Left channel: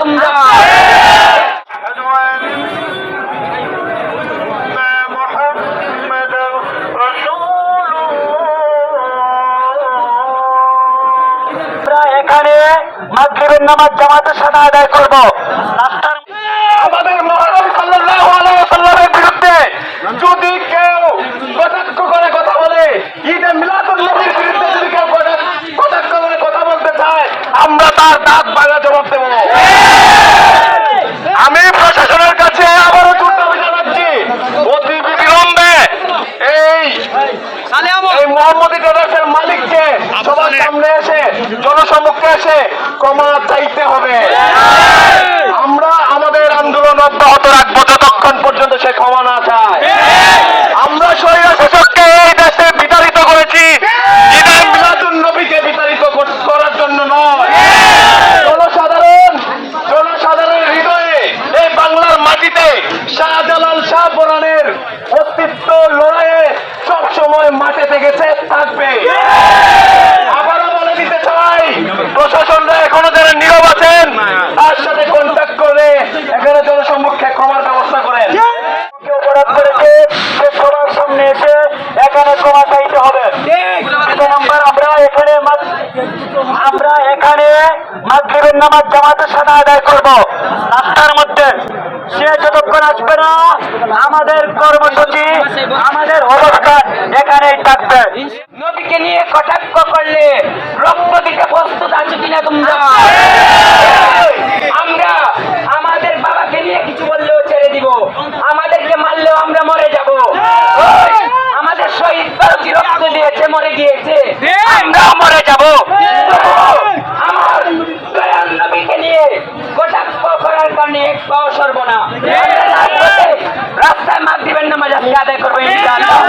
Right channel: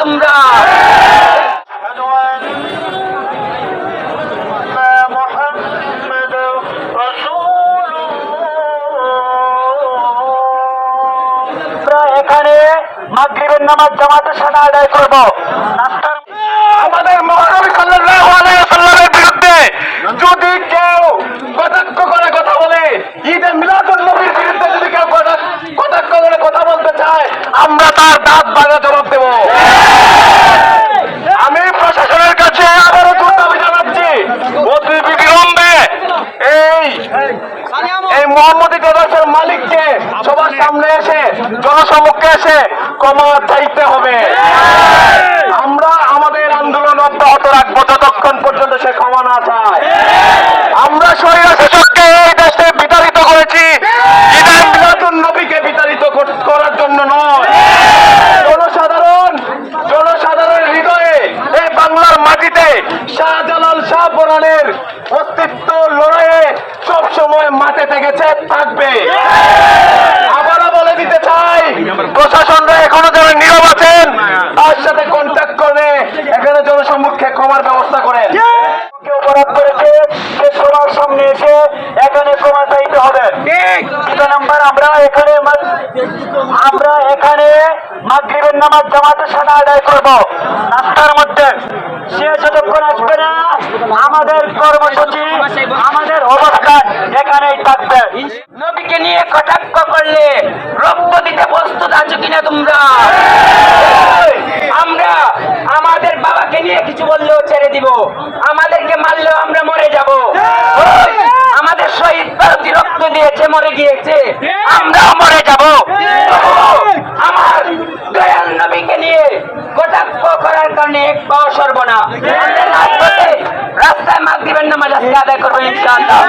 তোমরা? এখানে মাগরিবের নামাজ জামাতের সাথে আদায় করব। আমাদের মহানবী সাল্লাল্লাহু আলাইহি ওয়াসাল্লামের বিরুদ্ধে যদি কেউ কটাক্ষ করে কথা বলে, ঈদে মিলাদুন নবীর বিরুদ্ধে যদি কেউ কটাক্ষ করে কথা বলতে চায়, আমরা তার দাঁত ভাঙা জবাব দেব। আমি প্রশাসনের কাছে আবারও দাবি জানাচ্ছি, অতি বিলম্বে এই মোহাম্মদী টেরাসের মালিককে সবার সামনে এসে জনসমক্ষে এসে ক্ষমা চাইতে হবে। আমরা আমাদের আন্দোলন অব্যাহত রাখবো যতক্ষণ পর্যন্ত সে ক্ষমা না চায়। আমরা স্বৈরাচারকে এই দেশে বিতাড়িত করেছি, ঈদে মিলাদুন নবীকে বিতাড়িত করার জন্য নয়। জনসাধারণের হৃদয়ে এই বাংলার মাটিতে শাহজালাল শাহপরানের অস্তিত্ব লড়াইয়ে সবসময় মাঠে থেকেছে, থাকবে। আবারও বলে দিতে চাই, প্রশাসনরা এখনো যারা নীরব আছেন তার সাথে কন্ট্যাক্ট করে এখানে জনসম্মুখে ক্ষমার ব্যবস্থা করেন। অপরাধ করেছে সে সবার সামনে এসে এখানে ক্ষমা চাইতে হবে। নাম্বার আমরা এখানে মাগরিবের নামাজ জামাতের সাথে আদায় করব। রাস্তার মধ্যে সে যতক্ষণ আসবে না আমাদের কর্মসূচি, আমাদের অবস্থান এখানেই থাকবে। নবীকে নিয়ে কটাক্ষ করলে রক্ত দিতে প্রস্তুত আছো কিনা তোমরা? আমরা আমাদের বাবাকে নিয়ে কিছু বললেও ছেড়ে দিব, আমাদেরকে মারলেও আমরা মরে যাব। আমাদের শহীদ বারুদি রক্ত দিয়েছে, মরে গিয়েছে, আমরাও মরে যাব। আমার দয়াল নবীকে নিয়ে কটাক্ষ করার কারণে এক পাও সরব না। আমরা রাজপথে রাস্তায় মাগরিবের নামাজ আদায় করবো ইনশাআল্লাহ।